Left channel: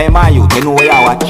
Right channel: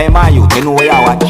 Hey man, you know where you watch.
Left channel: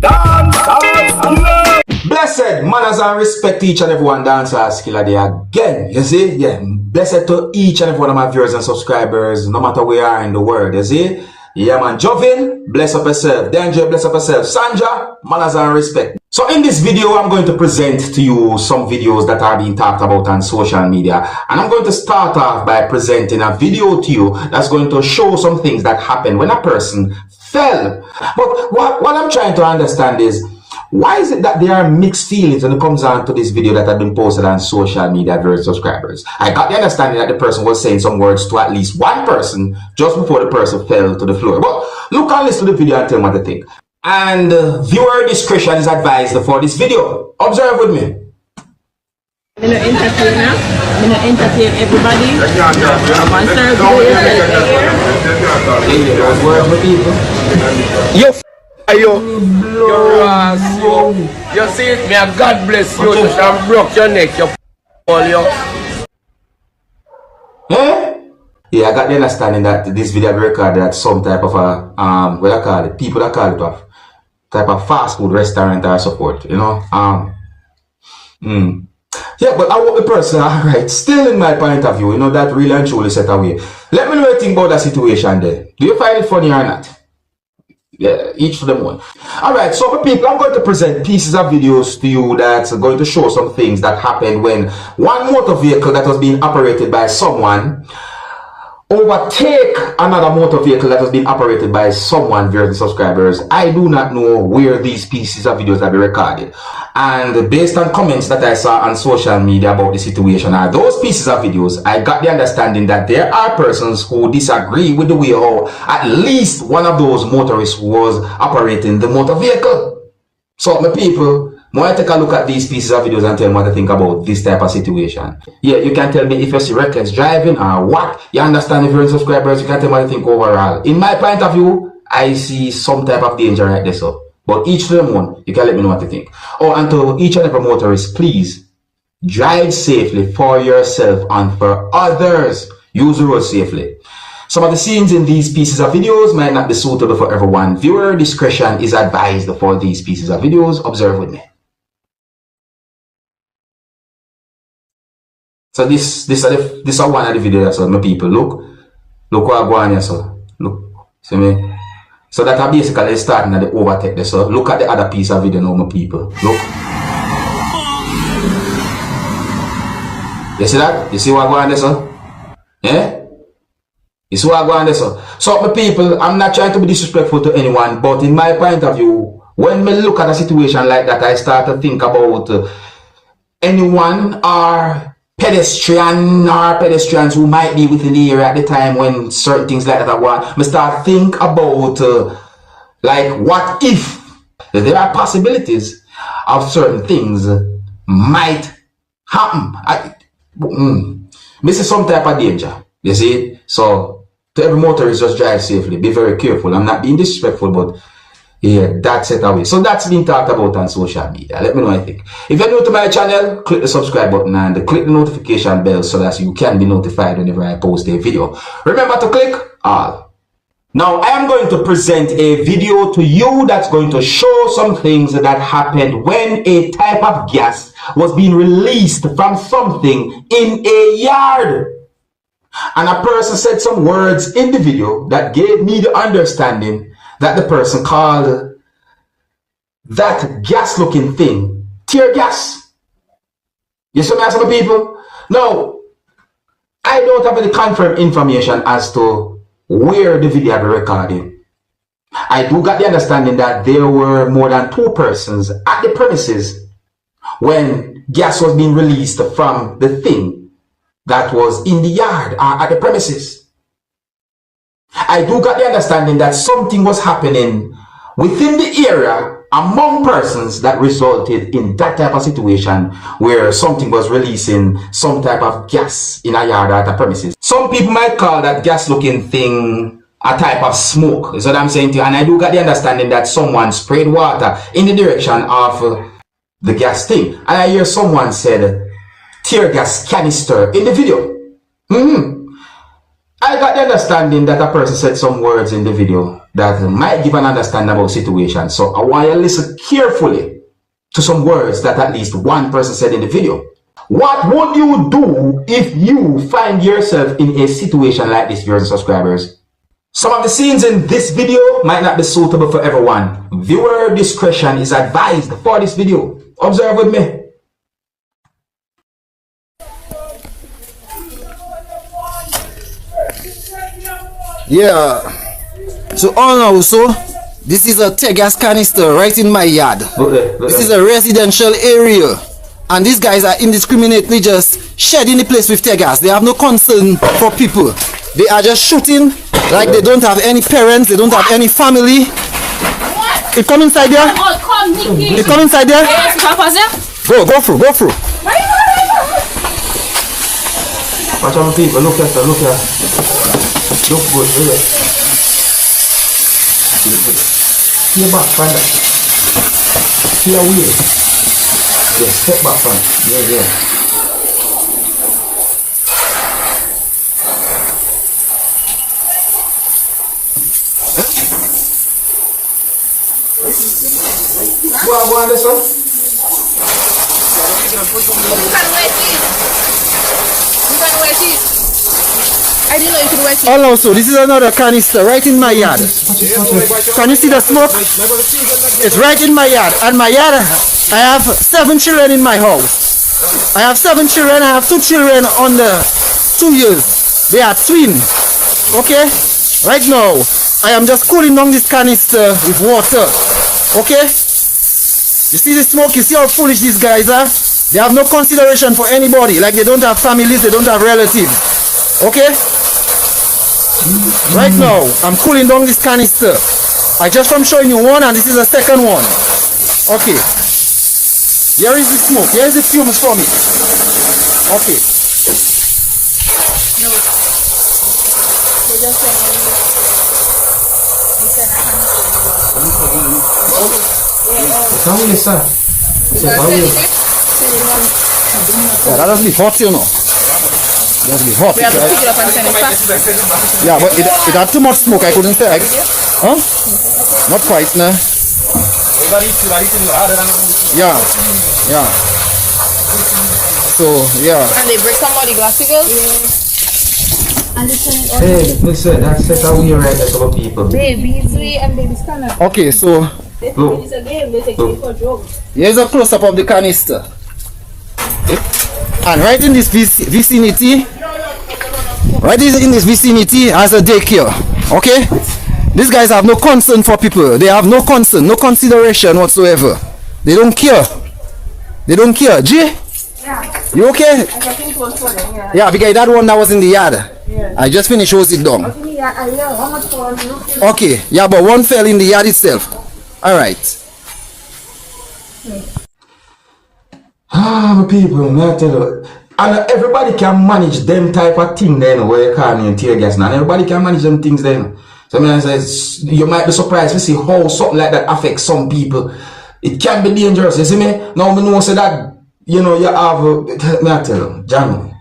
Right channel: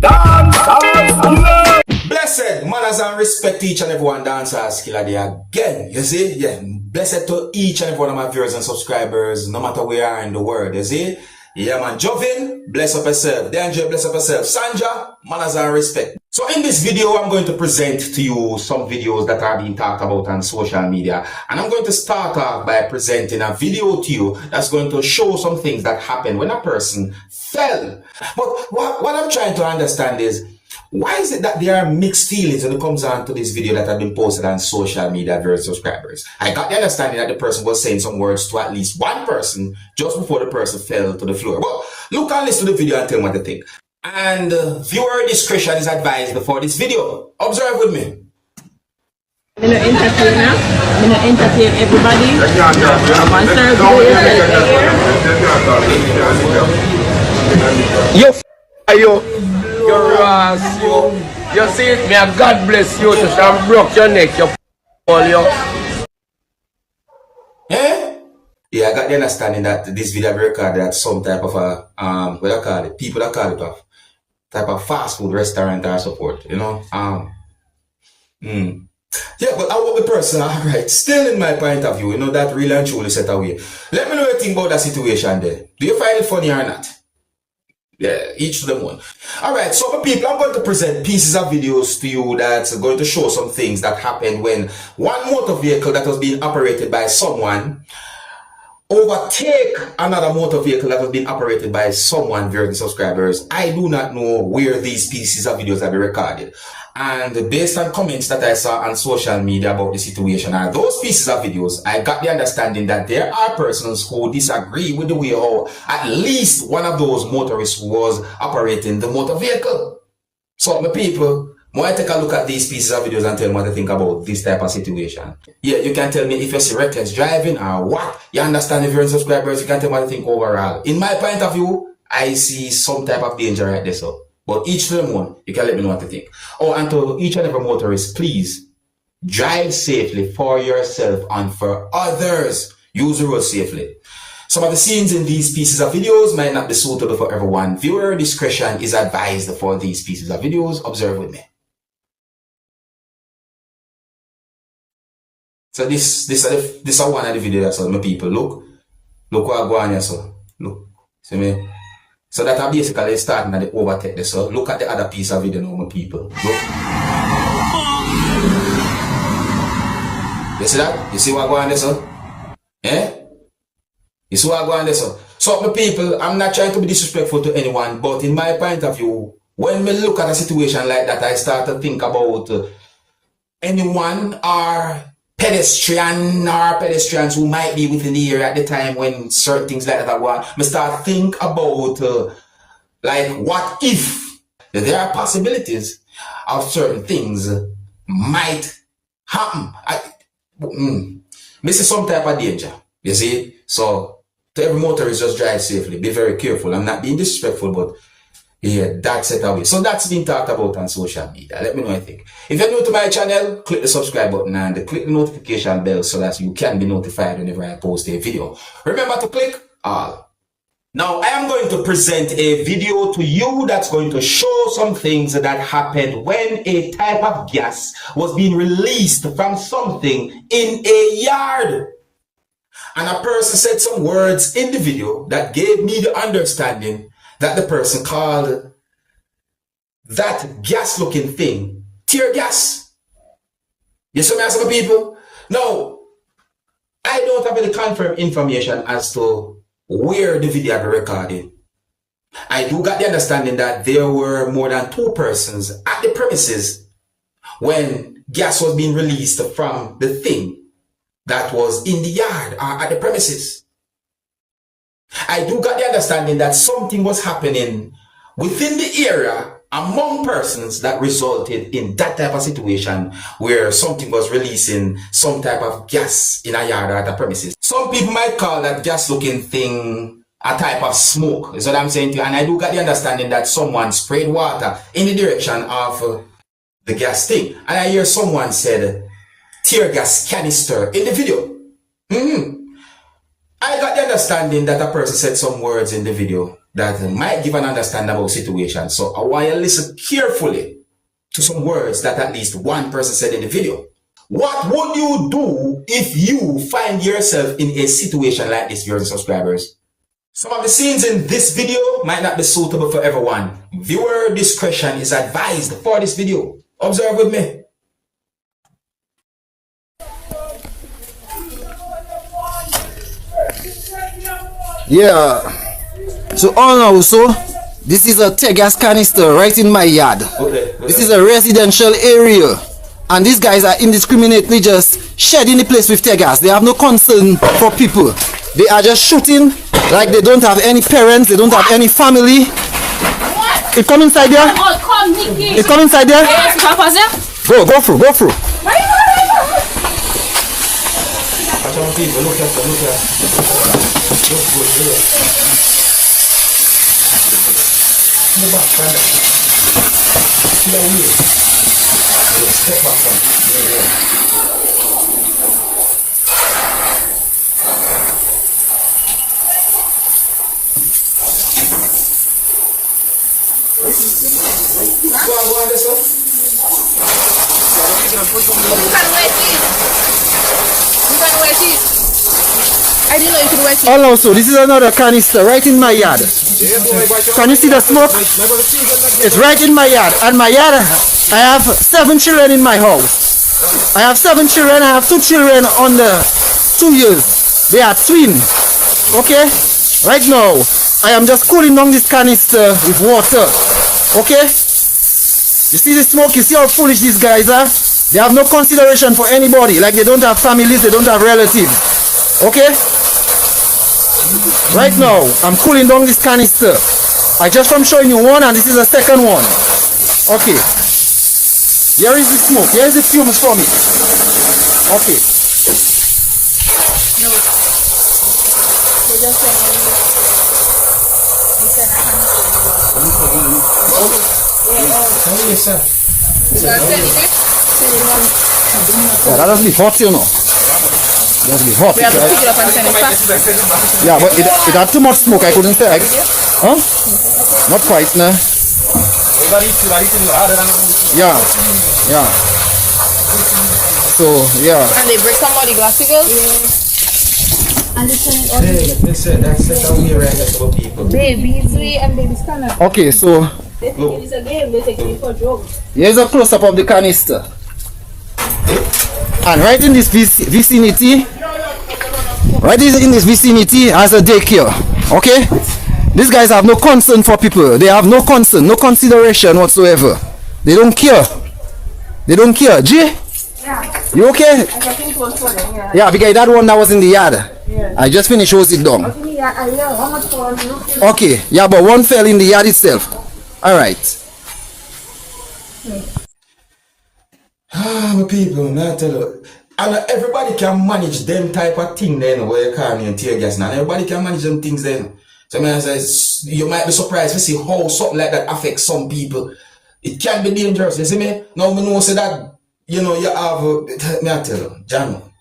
Dancehall skilla. Blessed manners and respect to each and everyone. Dancehall skilla there again. You see? Yeah. Blessed to each and every one of my viewers and subscribers, no matter where you are in the world. You see? Yeah man, Jovin, bless up yourself. Danger, bless up yourself. Sandra, manners and respect. So in this video, I'm going to present to you some videos that are being talked about on social media. And I'm going to start off by presenting a video to you that's going to show some things that happen when a person fell. But what I'm trying to understand is, why is it that there are mixed feelings when it comes on to this video that had been posted on social media versus subscribers? I got the understanding that the person was saying some words to at least one person just before the person fell to the floor. But look and listen to the video and tell me what you think. And viewer discretion is advised for this video. Observe with me. I'm not entertain I'm not entertain everybody. You're Ross, you see it, may God bless you to shall broke your neck, you all you. Yeah, I got the understanding that this video be recorded at some type of a what I call it, people that call it a type of fast food restaurant or so forth, you know. Yeah, but I want the person, alright, still in my point of view, you know, that really and truly set away. Let me know what you think about that situation there. Do you find it funny or not? Yeah, each to them one. Alright, so people, I'm going to present pieces of videos to you that's going to show some things that happened when one motor vehicle that was being operated by someone overtake another motor vehicle that was being operated by someone via the subscribers. I do not know where these pieces of videos have been recorded. And based on comments that I saw on social media about the situation, or those pieces of videos, I got the understanding that there are persons who disagree with the way how at least one of those motorists was operating the motor vehicle. So my people, I take a look at these pieces of videos and tell me what I think about this type of situation. Yeah, you can tell me if you see reckless driving or what. You understand if you're in subscribers, you can tell me what I think overall. In my point of view, I see some type of danger right there, so. But each to them one, you can let me know what you think. Oh, and to each and every motorist, please drive safely for yourself and for others. Use the road safely. Some of the scenes in these pieces of videos might not be suitable for everyone. Viewer discretion is advised for these pieces of videos. Observe with me. So this is one of the videos, so my people, look what I go on here, so look, see me. So that are basically starting at the overtake there. So look at the other piece of video now, my people. Look. You see that? You see what I go on there, so? Yeah? You see what I go on there, so? So my people, I'm not trying to be disrespectful to anyone, but in my point of view, when me look at a situation like that, I start to think about anyone or pedestrians who might be within the area at the time when certain things like that are going. I start think about like what if there are possibilities of certain things might happen. This is some type of danger, you see. So to every motorist, just drive safely, be very careful. I'm not being disrespectful, but yeah, that's it away. So that's been talked about on social media. Let me know what you think. If you're new to my channel, click the subscribe button and click the notification bell so that you can be notified whenever I post a video. Remember to click all. Now I am going to present a video to you that's going to show some things that happened when a type of gas was being released from something in a yard. And a person said some words in the video that gave me the understanding that the person called that gas looking thing tear gas. You see me, some people? Now, I don't have any confirmed information as to where the video be recorded. I do got the understanding that there were more than 2 persons at the premises when gas was being released from the thing that was in the yard or at the premises. I do got the understanding that something was happening within the area among persons that resulted in that type of situation where something was releasing some type of gas in a yard or at a premises. Some people might call that gas looking thing a type of smoke, is what I'm saying to you. And I do got the understanding that someone sprayed water in the direction of the gas thing. And I hear someone said tear gas canister in the video. I got the understanding that a person said some words in the video that might give an understanding about situation. So I want you to listen carefully to some words that at least one person said in the video. What would you do if you find yourself in a situation like this, viewers and subscribers? Some of the scenes in this video might not be suitable for everyone. Viewer discretion is advised for this video. Observe with me. Yeah. So also, this is a tear gas canister right in my yard. This is a residential area. And these guys are indiscriminately just shedding the place with tear gas. They have no concern for people. They are just shooting like they don't have any parents, they don't have any family. It come inside there? It come inside there? Go through. Watch on people, look at. Look good here. Stay back, find it. Stay away. Just step back from it. Yeah. Go on this one. I didn't know you could wet it. Also, this is another canister right in my yard. Can you see the smoke? It's right in my yard. And my yard, I have 7 children in my house. I have 7 children. I have 2 children under 2 years. They are twins. Okay? Right now, I am just cooling down this canister with water. Okay? You see the smoke? You see how foolish these guys are? They have no consideration for anybody. Like they don't have families, they don't have relatives. Okay? Right now, I'm cooling down this canister. I just am showing you one and this is the second one. Okay. Here is the smoke. Here is the fumes from it. Okay. No. They just Yeah, that doesn't be hot, you know. That's be hot. We have to pick it up and send it back. Yeah, but it had too much smoke. I couldn't say. Huh? Not quite, no. Yeah. So, yeah. And they break some of the glassicles? Listen, that's how we right for people. Babies, and babies cannot. Okay, so They think it's a game, they take it for drugs. here's a close-up of the canister. And right in this vicinity, has a daycare. Okay? These guys have no concern for people. They have no concern, no consideration whatsoever. They don't care. G? Yeah. You okay? I think it was for them, yeah. Yeah, because that one that was in the yard. Yeah. I just finished hose it down. Okay, yeah, I know. How much for you? Okay, yeah, but one fell in the yard itself. Alright. My people, I tell you. And everybody can manage them type of thing then where you call me and tear gas now. Everybody can manage them things then. So I say, you might be surprised to see how something like that affects some people. It can be dangerous, you see me? Now I know say that, you know, you have, I tell you, John,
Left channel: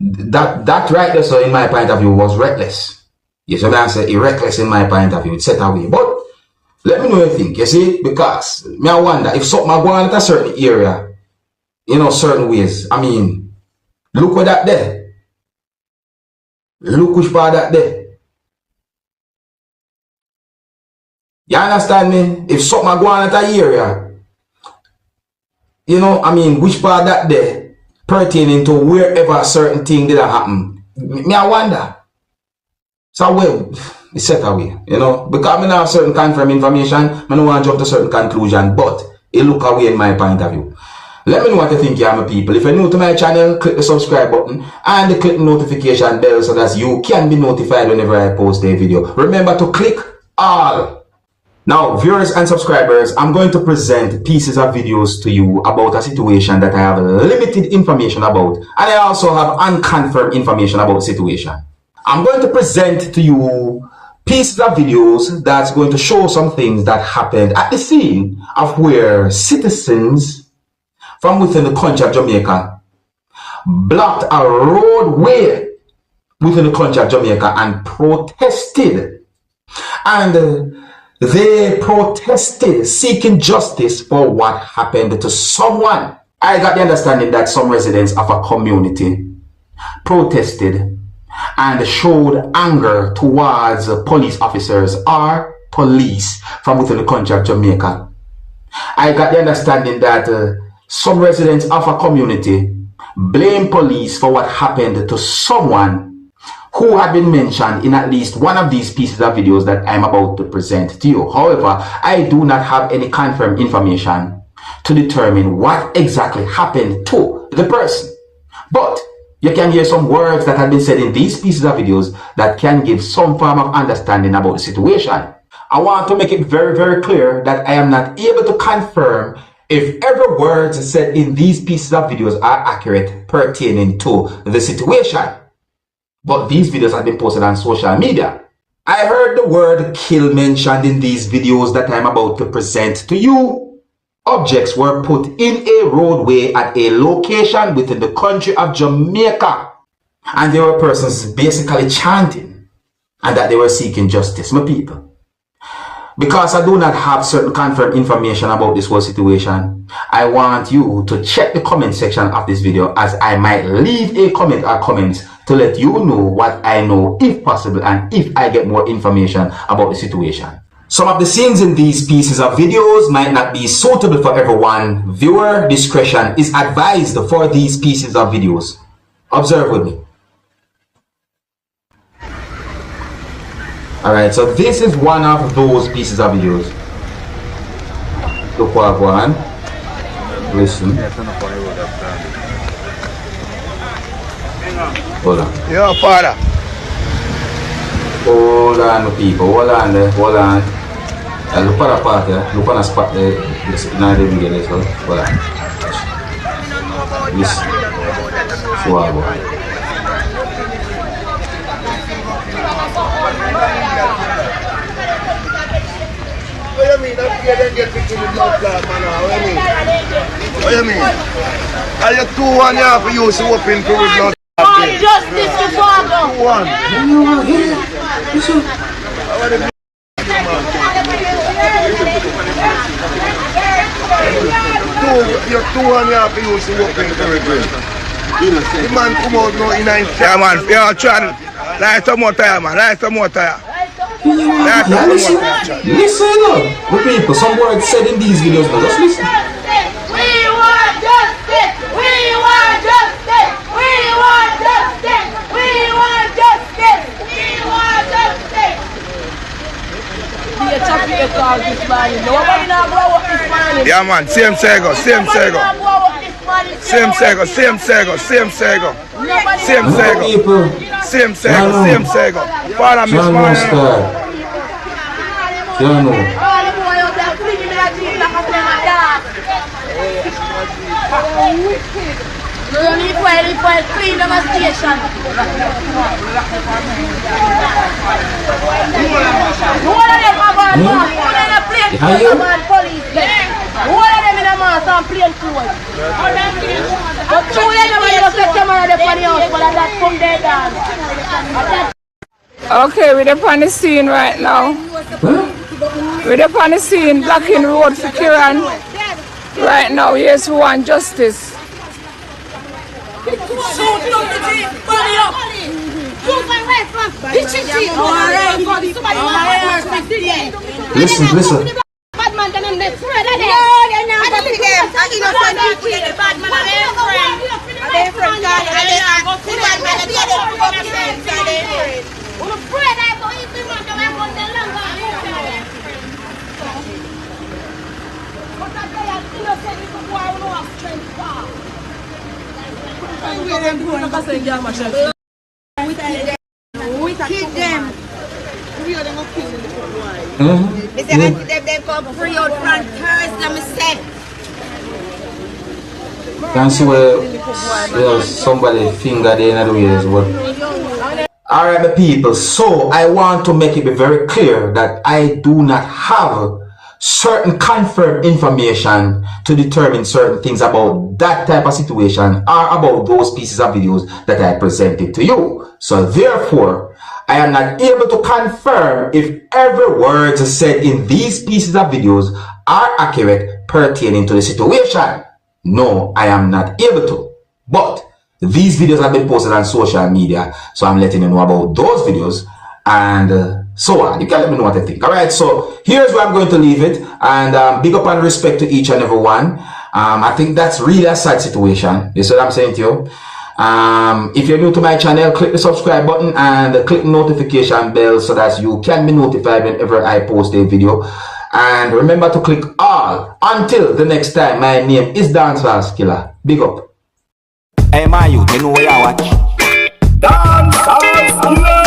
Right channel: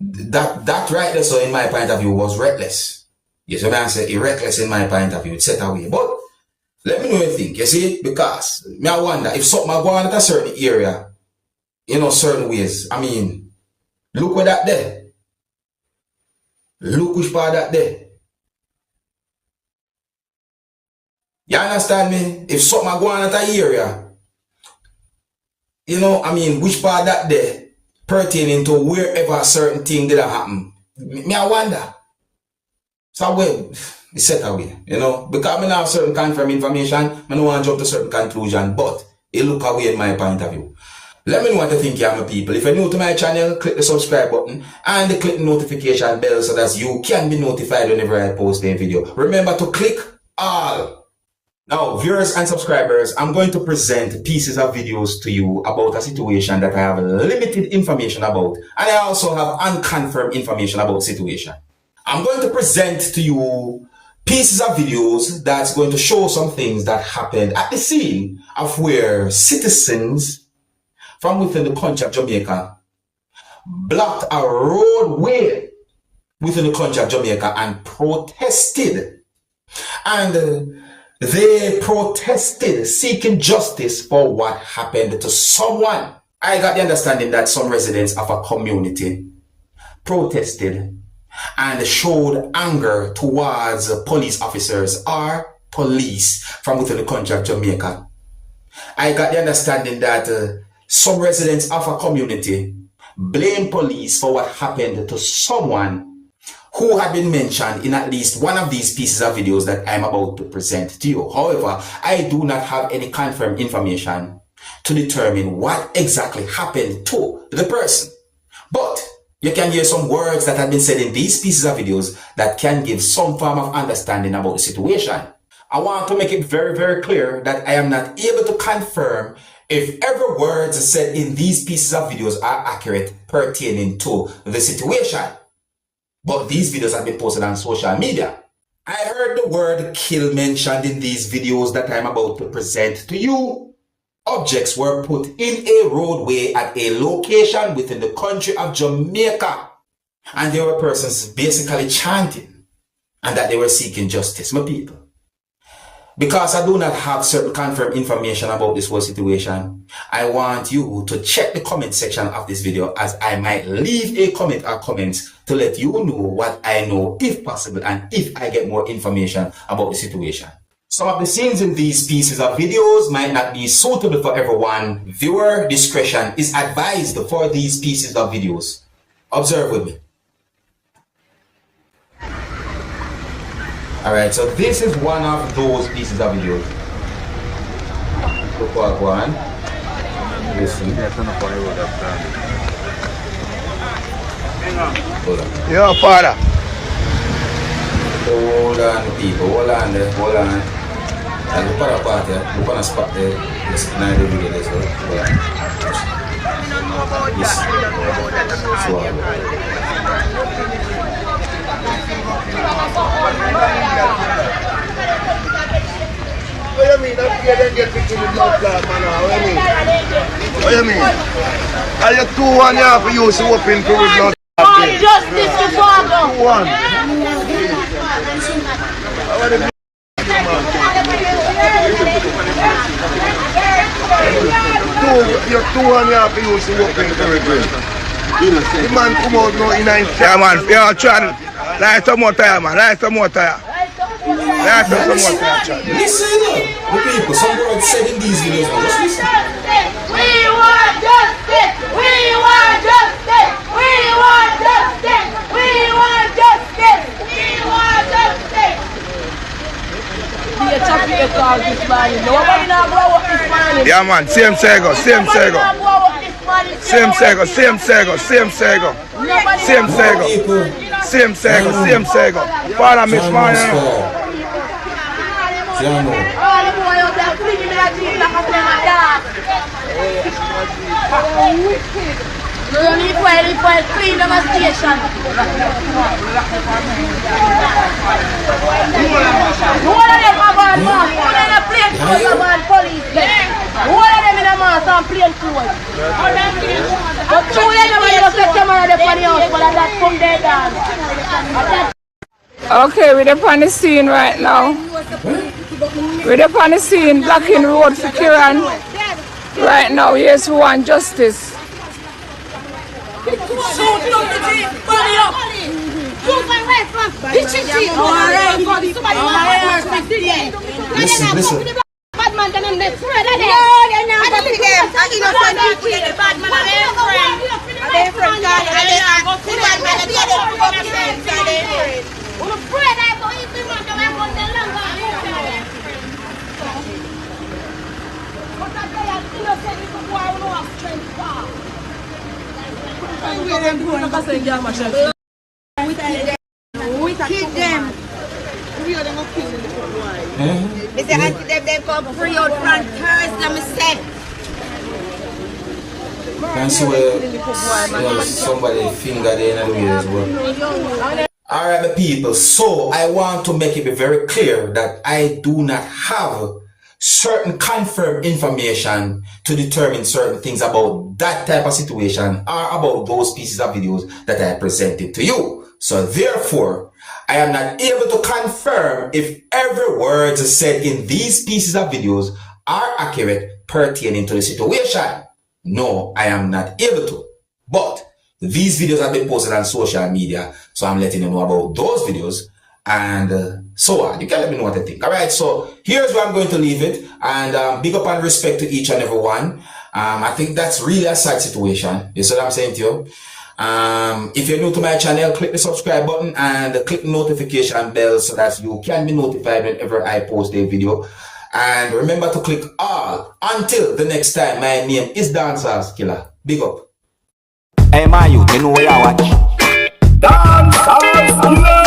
that right there, so in my point of view, was reckless. You see me? I say, reckless in my point of view, it's set away. But let me know what you think, you see? Because me I wonder if something I go on at a certain area, you know, certain ways. I mean, look what that there. Look which part that there. You understand me? If something I go on at a area, you know, I mean, which part that there pertaining to wherever a certain thing did happen. Me I wonder. So well, it's set away, you know, because I don't have certain confirmed information, I don't want to jump to certain conclusion, but it look away in my point of view. Let me know what you think, my people. If you're new to my channel, click the subscribe button and click the notification bell so that you can be notified whenever I post a video. Remember to click all. Now, viewers and subscribers, I'm going to present pieces of videos to you about a situation that I have limited information about, and I also have unconfirmed information about the situation. I'm going to present to you pieces of videos that's going to show some things that happened at the scene of where citizens from within the country of Jamaica blocked a roadway within the country of Jamaica and protested. And they protested, seeking justice for what happened to someone. I got the understanding that some residents of a community protested and showed anger towards police officers or police from within the country of Jamaica. I got the understanding that some residents of a community blame police for what happened to someone who had been mentioned in at least one of these pieces of videos that I'm about to present to you. However, I do not have any confirmed information to determine what exactly happened to the person. But you can hear some words that have been said in these pieces of videos that can give some form of understanding about the situation. I want to make it very, very clear that I am not able to confirm if every word said in these pieces of videos are accurate pertaining to the situation. But these videos have been posted on social media. I heard the word kill mentioned in these videos that I'm about to present to you. Objects were put in a roadway at a location within the country of Jamaica. And there were persons basically chanting and that they were seeking justice, my people. Because I do not have certain confirmed information about this whole situation, I want you to check the comment section of this video, as I might leave a comment or comments to let you know what I know if possible and if I get more information about the situation. Some of the scenes in these pieces of videos might not be suitable for everyone. Viewer discretion is advised for these pieces of videos. Observe with me. Alright, so this is one of those pieces of videos. Look what one. Listen. Hold on. Yo, father. Hold on, people. Hold on there. Hold on. Look at the part there. Look at the spot there. Listen, now the video there. Hold on. Listen. So What do you mean? That kid didn't get picture with blood clot, man. What do you mean? Are you 2-1 you have to use to open to with blood clot? Justice to father. 2-1. You're 2-1 you have to use to open to with. The man come out now in 9. Yeah, man. Yeah, try. Light some more tire, man. Light some more tire. Light some more tire. Listen up. The people, some words said in these videos, just listen. We want justice! We want justice! We want justice! We want justice! We want justice! Be a chocolate call this morning. Nobody now blow up this morning. Yeah, man. Same Sego. Same Sego. Same Sego. Same Sego. Same Sego. Same Sego. Same Sego. Same Sego. Father, Miss Martin. All the boy out there flinging me like this like a flame of gas. You don't need to clean them a station. Who are them a bad man? Who are them a plain clothes a bad police? Who are them in a mask and plain clothes? But two of them are just a camera there for the house, but that come there down. Okay, we're up on the scene right now. We're up on the scene, blocking road for Kiran. Right now, yes, we want justice. Listen. Bad man, them in the thread of them. No, they're not going to them. And innocent people, the bad man are their friend. Are their friend, God. And they are the bad man, and they are the friends, and they are friends. On the bread, I go eat the man, I want the longer. But I say, I'm innocent people who are no strength far. We keep them. They say, until them come free out from Thursday, me say. Can see where somebody finger there in the way as well. Alright, my people, so I want to make it be very clear that I do not have certain confirmed information to determine certain things about that type of situation or about those pieces of videos that I presented to you. So therefore, I am not able to confirm if every word said in these pieces of videos are accurate pertaining to the situation. No, I am not able to. But these videos have been posted on social media, so I'm letting you know about those videos and so on. You can let me know what you think. Alright, so here's where I'm going to leave it. And big up and respect to each and every one. I think that's really a sad situation. You see what I'm saying to you? If you're new to my channel, click the subscribe button and click notification bell so that you can be notified whenever I post a video. And remember to click all. Until the next time, my name is Dancehall Skilla. Big up. Hey, my youth, you know where you watch? Dancehall Skilla.